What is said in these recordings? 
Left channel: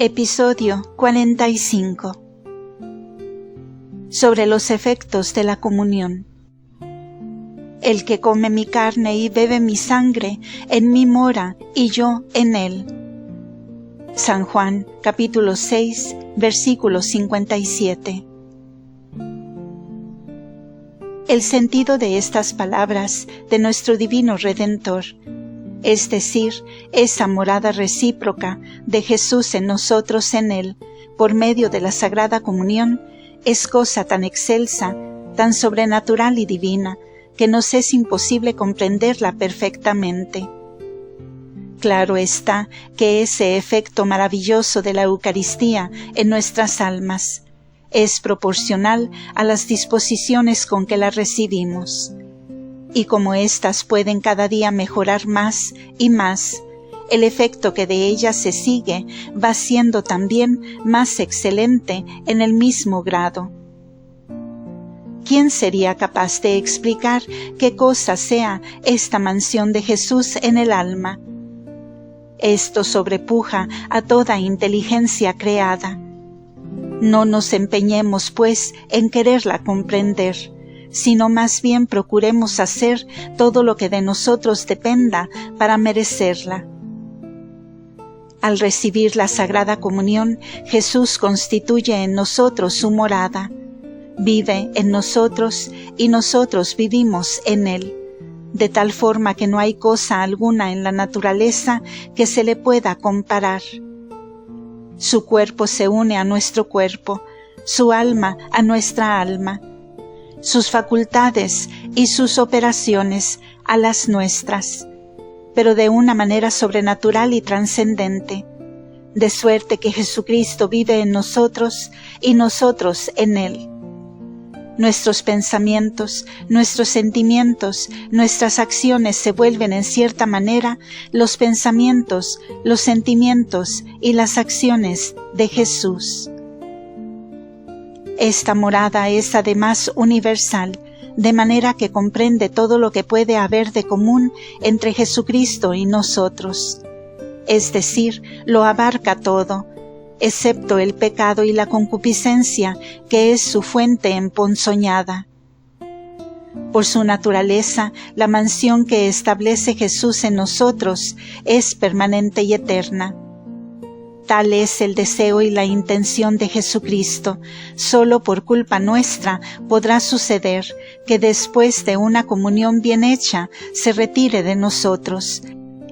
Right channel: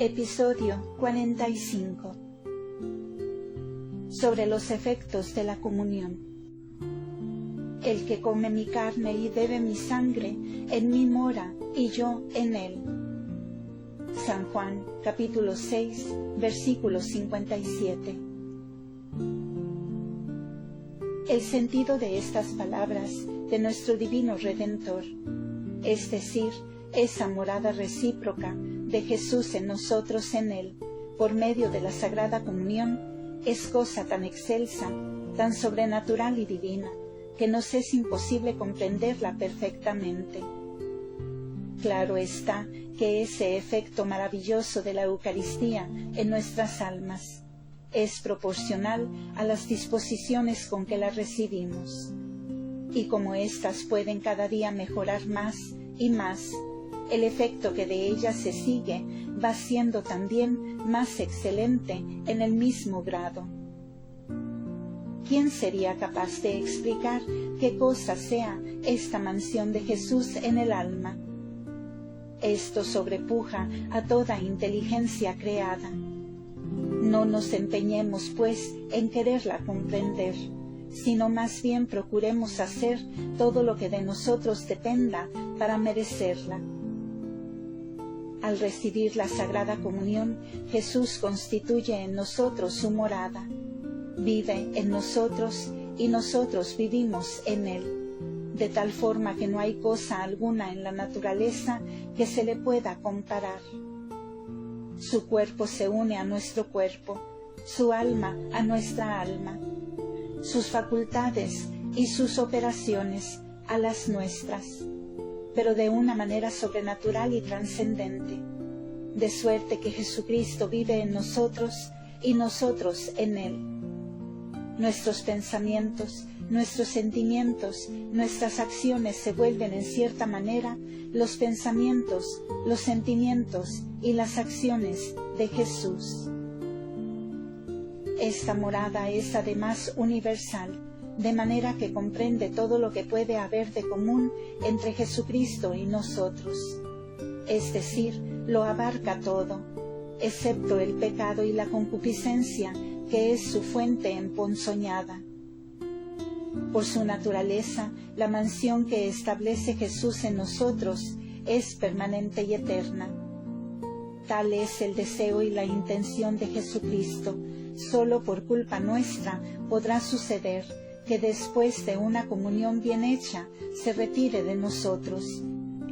Episodio 45. Sobre los efectos de la comunión. El que come mi carne y bebe mi sangre, en mí mora y yo en él. San Juan, capítulo 6, versículo 57. El sentido de estas palabras de nuestro divino Redentor, es decir, esa morada recíproca de Jesús en nosotros en Él, por medio de la Sagrada Comunión, es cosa tan excelsa, tan sobrenatural y divina, que nos es imposible comprenderla perfectamente. Claro está que ese efecto maravilloso de la Eucaristía en nuestras almas es proporcional a las disposiciones con que la recibimos. Y como éstas pueden cada día mejorar más y más, el efecto que de ellas se sigue va siendo también más excelente en el mismo grado. ¿Quién sería capaz de explicar qué cosa sea esta mansión de Jesús en el alma? Esto sobrepuja a toda inteligencia creada. No nos empeñemos, pues, en quererla comprender, sino más bien procuremos hacer todo lo que de nosotros dependa para merecerla. Al recibir la Sagrada Comunión, Jesús constituye en nosotros su morada, vive en nosotros y nosotros vivimos en Él, de tal forma que no hay cosa alguna en la naturaleza que se le pueda comparar. Su cuerpo se une a nuestro cuerpo, su alma a nuestra alma, sus facultades y sus operaciones a las nuestras, pero de una manera sobrenatural y trascendente, de suerte que Jesucristo vive en nosotros y nosotros en Él. Nuestros pensamientos, nuestros sentimientos, nuestras acciones se vuelven en cierta manera los pensamientos, los sentimientos y las acciones de Jesús. Esta morada es además universal, de manera que comprende todo lo que puede haber de común entre Jesucristo y nosotros. Es decir, lo abarca todo, excepto el pecado y la concupiscencia, que es su fuente emponzoñada. Por su naturaleza, la mansión que establece Jesús en nosotros es permanente y eterna. Tal es el deseo y la intención de Jesucristo. Solo por culpa nuestra podrá suceder que después de una comunión bien hecha se retire de nosotros,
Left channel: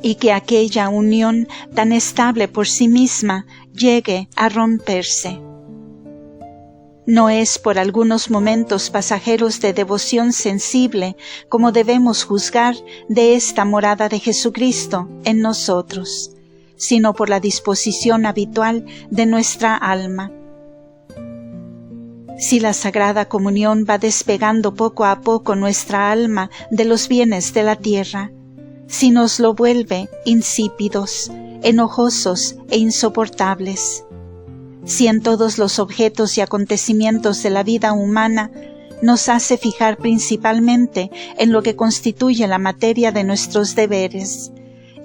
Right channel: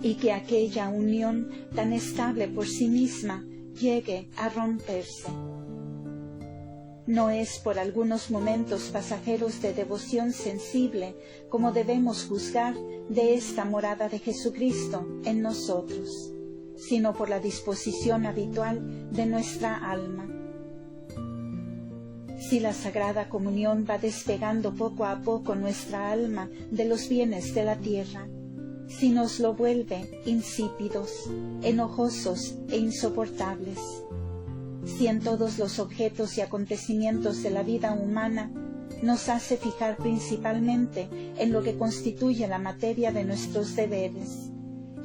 y que aquella unión tan estable por sí misma llegue a romperse. No es por algunos momentos pasajeros de devoción sensible como debemos juzgar de esta morada de Jesucristo en nosotros, sino por la disposición habitual de nuestra alma. Si la Sagrada Comunión va despegando poco a poco nuestra alma de los bienes de la tierra, si nos lo vuelve insípidos, enojosos e insoportables, si en todos los objetos y acontecimientos de la vida humana nos hace fijar principalmente en lo que constituye la materia de nuestros deberes,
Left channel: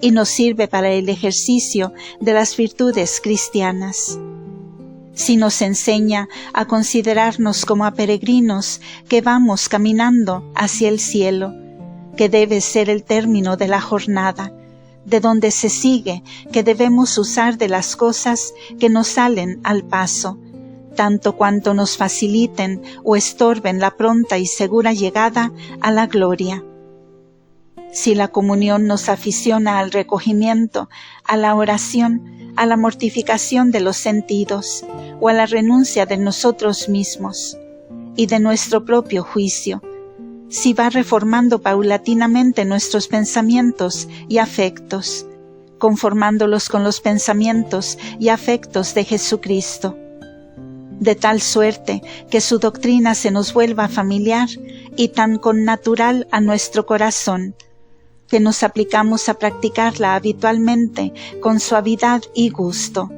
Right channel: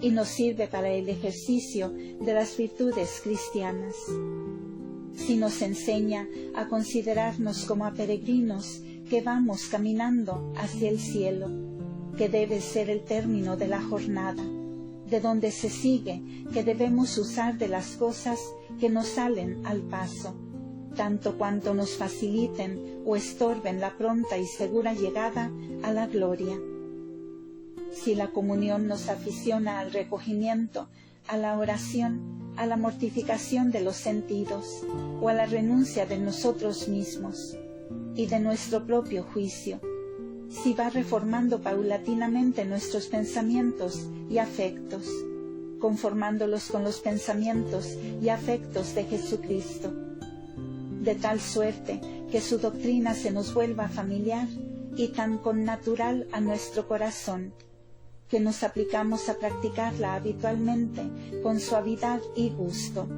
y nos sirve para el ejercicio de las virtudes cristianas. Si nos enseña a considerarnos como a peregrinos que vamos caminando hacia el cielo, que debe ser el término de la jornada, de donde se sigue que debemos usar de las cosas que nos salen al paso, tanto cuanto nos faciliten o estorben la pronta y segura llegada a la gloria. Si la comunión nos aficiona al recogimiento, a la oración, a la mortificación de los sentidos, o a la renuncia de nosotros mismos y de nuestro propio juicio, si va reformando paulatinamente nuestros pensamientos y afectos, conformándolos con los pensamientos y afectos de Jesucristo, de tal suerte que su doctrina se nos vuelva familiar y tan connatural a nuestro corazón, que nos aplicamos a practicarla habitualmente con suavidad y gusto.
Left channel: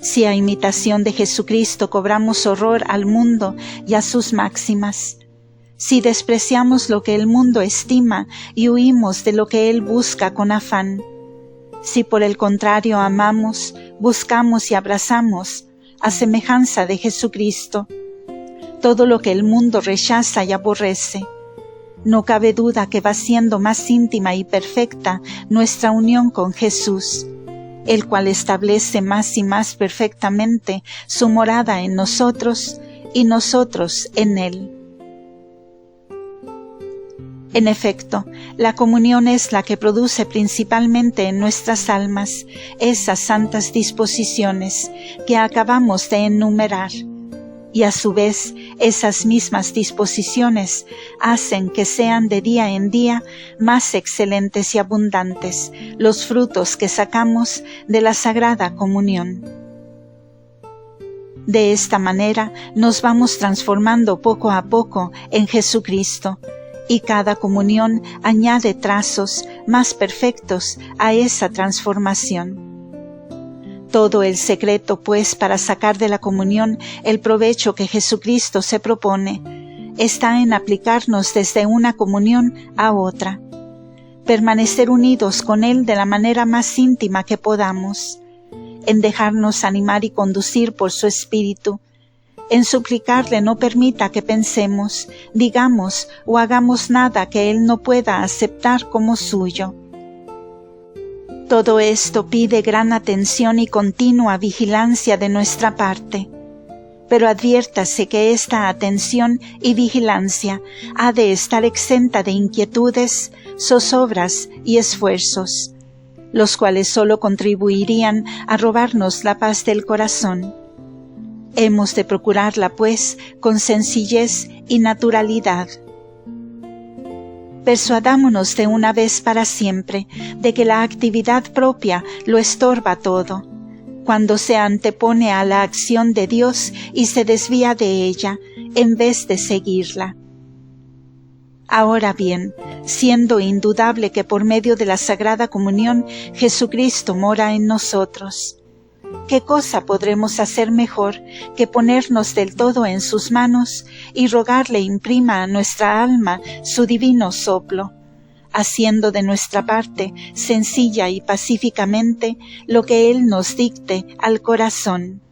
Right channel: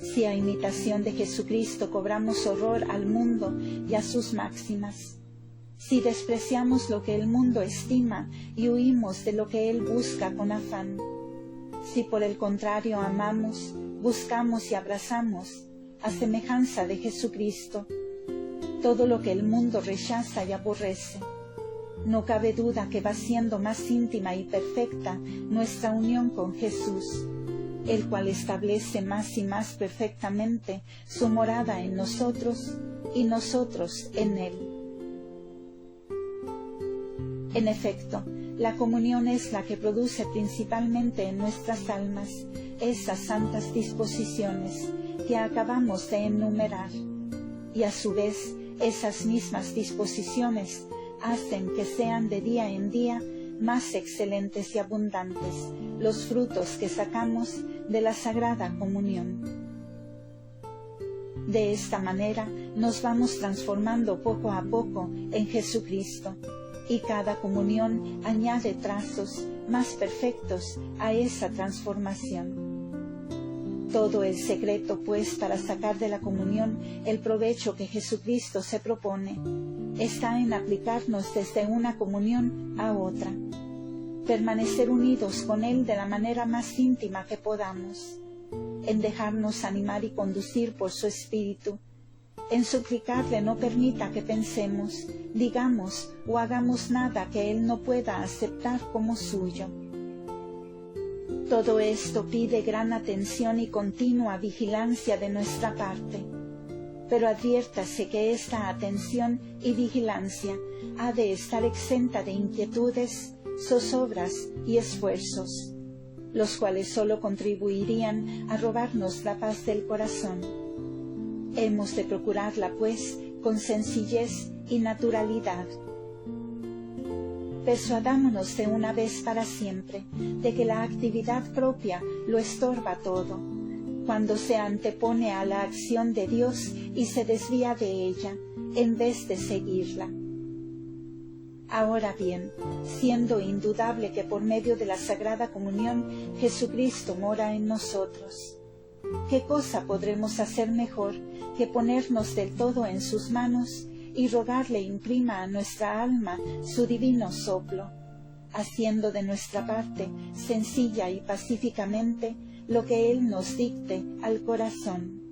Si a imitación de Jesucristo cobramos horror al mundo y a sus máximas, si despreciamos lo que el mundo estima y huimos de lo que él busca con afán, si por el contrario amamos, buscamos y abrazamos, a semejanza de Jesucristo, todo lo que el mundo rechaza y aborrece. No cabe duda que va siendo más íntima y perfecta nuestra unión con Jesús, el cual establece más y más perfectamente su morada en nosotros y nosotros en Él. En efecto, la comunión es la que produce principalmente en nuestras almas esas santas disposiciones que acabamos de enumerar, y a su vez esas mismas disposiciones hacen que sean de día en día más excelentes y abundantes los frutos que sacamos de la Sagrada Comunión. De esta manera nos vamos transformando poco a poco en Jesucristo, y cada comunión añade trazos más perfectos a esa transformación. Todo el secreto, pues, para sacar de la comunión el provecho que Jesucristo se propone, está en aplicarnos desde una comunión a otra, permanecer unidos con Él de la manera más íntima que podamos, en dejarnos animar y conducir por su Espíritu, en suplicarle no permita que pensemos, digamos o hagamos nada que Él no pueda aceptar como suyo. Todo esto pide gran atención y continua vigilancia de nuestra parte, pero adviértase que esta atención y vigilancia ha de estar exenta de inquietudes, zozobras y esfuerzos, los cuales sólo contribuirían a robarnos la paz del corazón. Hemos de procurarla, pues, con sencillez y naturalidad. Persuadámonos de una vez para siempre de que la actividad propia lo estorba todo, cuando se antepone a la acción de Dios y se desvía de ella, en vez de seguirla. Ahora bien, siendo indudable que por medio de la Sagrada Comunión Jesucristo mora en nosotros, ¿qué cosa podremos hacer mejor que ponernos del todo en sus manos y rogarle imprima a nuestra alma su divino soplo, haciendo de nuestra parte sencilla y pacíficamente lo que Él nos dicte al corazón?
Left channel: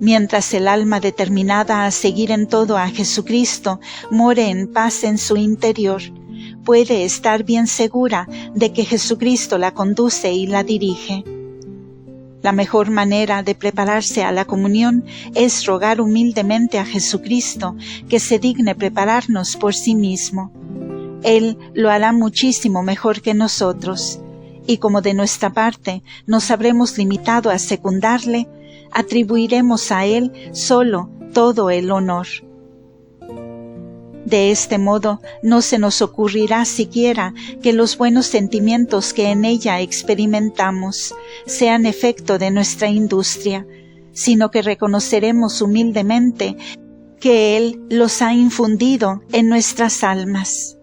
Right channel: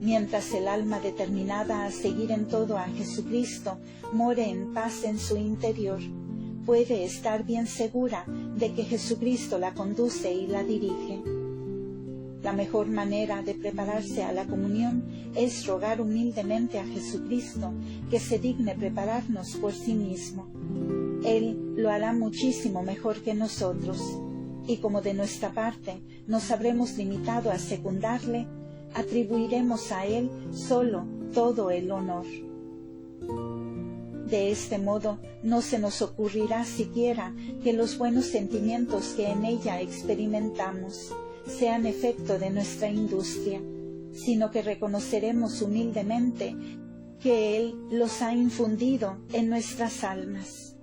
Mientras el alma determinada a seguir en todo a Jesucristo more en paz en su interior, puede estar bien segura de que Jesucristo la conduce y la dirige. La mejor manera de prepararse a la comunión es rogar humildemente a Jesucristo que se digne prepararnos por sí mismo. Él lo hará muchísimo mejor que nosotros, y como de nuestra parte nos habremos limitado a secundarle, atribuiremos a Él solo todo el honor. De este modo no se nos ocurrirá siquiera que los buenos sentimientos que en ella experimentamos sean efecto de nuestra industria, sino que reconoceremos humildemente que Él los ha infundido en nuestras almas.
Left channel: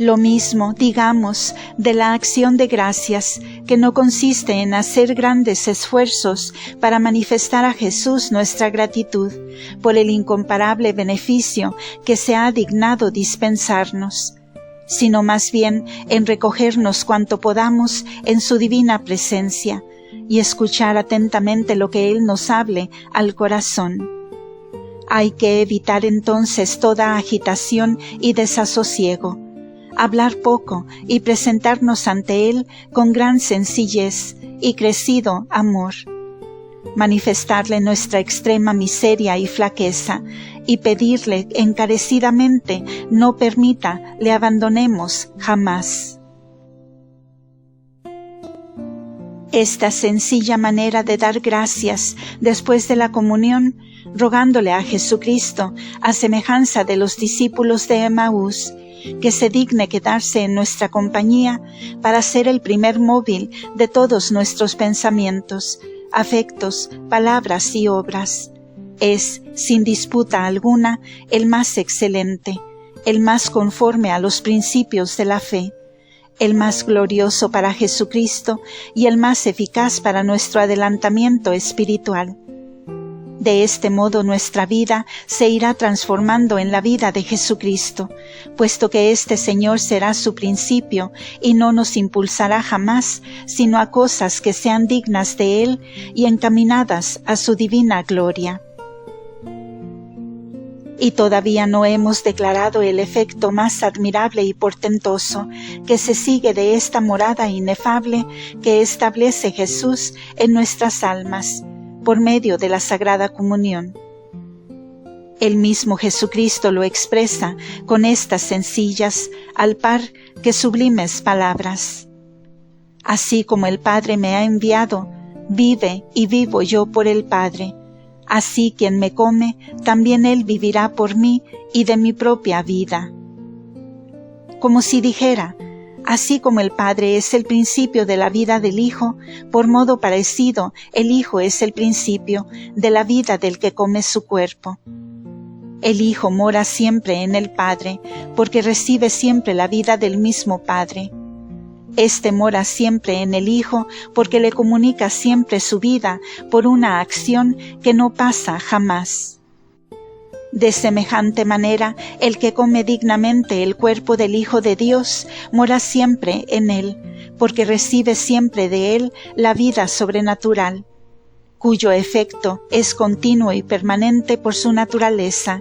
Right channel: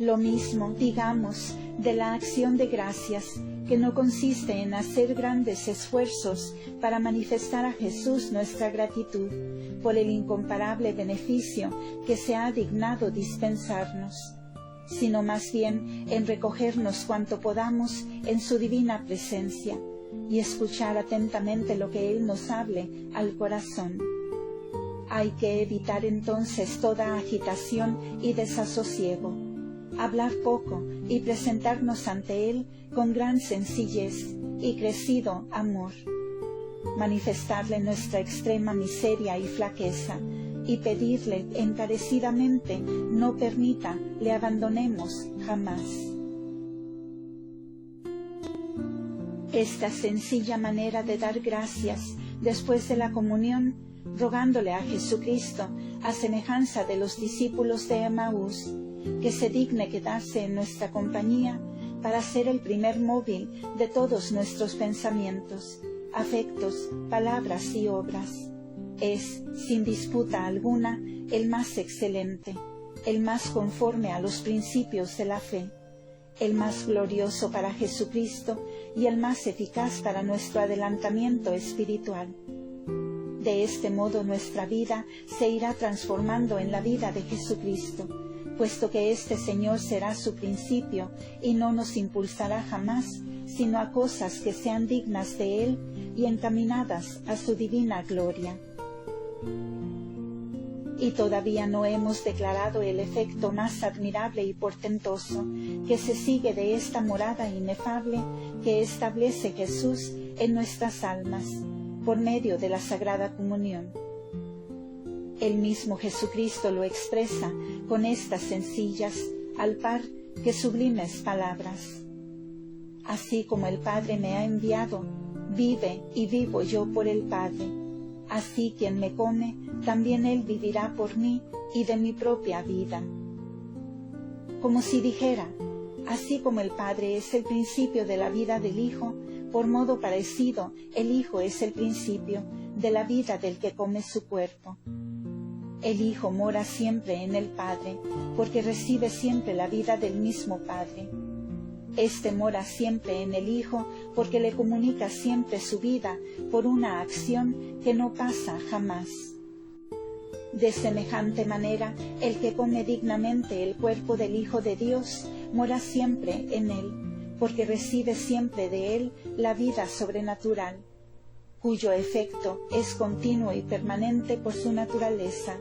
Lo mismo, digamos, de la acción de gracias, que no consiste en hacer grandes esfuerzos para manifestar a Jesús nuestra gratitud por el incomparable beneficio que se ha dignado dispensarnos, sino más bien en recogernos cuanto podamos en su divina presencia y escuchar atentamente lo que Él nos hable al corazón. Hay que evitar entonces toda agitación y desasosiego, hablar poco y presentarnos ante Él con gran sencillez y crecido amor, manifestarle nuestra extrema miseria y flaqueza y pedirle encarecidamente no permita le abandonemos jamás. Esta sencilla manera de dar gracias después de la comunión, rogándole a Jesucristo, a semejanza de los discípulos de Emaús, que se digne quedarse en nuestra compañía para ser el primer móvil de todos nuestros pensamientos, afectos, palabras y obras. Es, sin disputa alguna, el más excelente, el más conforme a los principios de la fe, el más glorioso para Jesucristo y el más eficaz para nuestro adelantamiento espiritual. De este modo nuestra vida se irá transformando en la vida de Jesucristo, puesto que este Señor será su principio y no nos impulsará jamás, sino a cosas que sean dignas de Él y encaminadas a su divina gloria. Y todavía no hemos declarado el efecto más admirable y portentoso que se sigue de esta morada inefable que establece Jesús en nuestras almas, por medio de la Sagrada Comunión. El mismo Jesucristo lo expresa con estas sencillas, al par que sublimes palabras. Así como el Padre me ha enviado, vive y vivo yo por el Padre. Así quien me come, también él vivirá por mí y de mi propia vida. Como si dijera, así como el Padre es el principio de la vida del Hijo, por modo parecido, el Hijo es el principio de la vida del que come su cuerpo. El Hijo mora siempre en el Padre, porque recibe siempre la vida del mismo Padre. Este mora siempre en el Hijo, porque le comunica siempre su vida por una acción que no pasa jamás. De semejante manera, el que come dignamente el cuerpo del Hijo de Dios mora siempre en él, porque recibe siempre de él la vida sobrenatural, cuyo efecto es continuo y permanente por su naturaleza,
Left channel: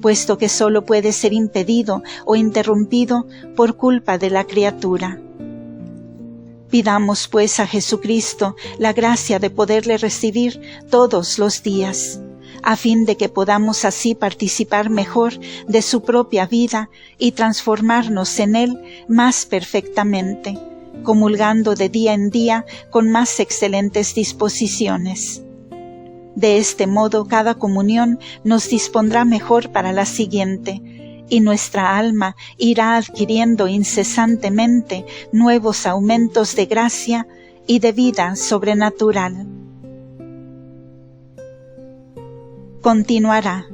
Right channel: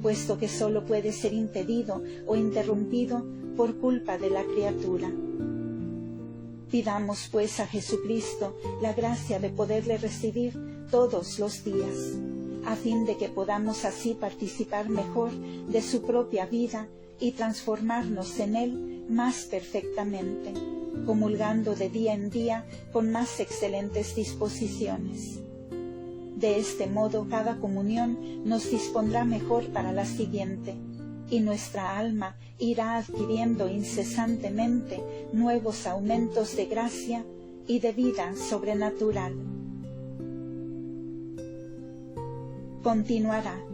puesto que sólo puede ser impedido o interrumpido por culpa de la criatura. Pidamos pues a Jesucristo la gracia de poderle recibir todos los días, a fin de que podamos así participar mejor de su propia vida y transformarnos en él más perfectamente, comulgando de día en día con más excelentes disposiciones. De este modo cada comunión nos dispondrá mejor para la siguiente, y nuestra alma irá adquiriendo incesantemente nuevos aumentos de gracia y de vida sobrenatural. Continuará.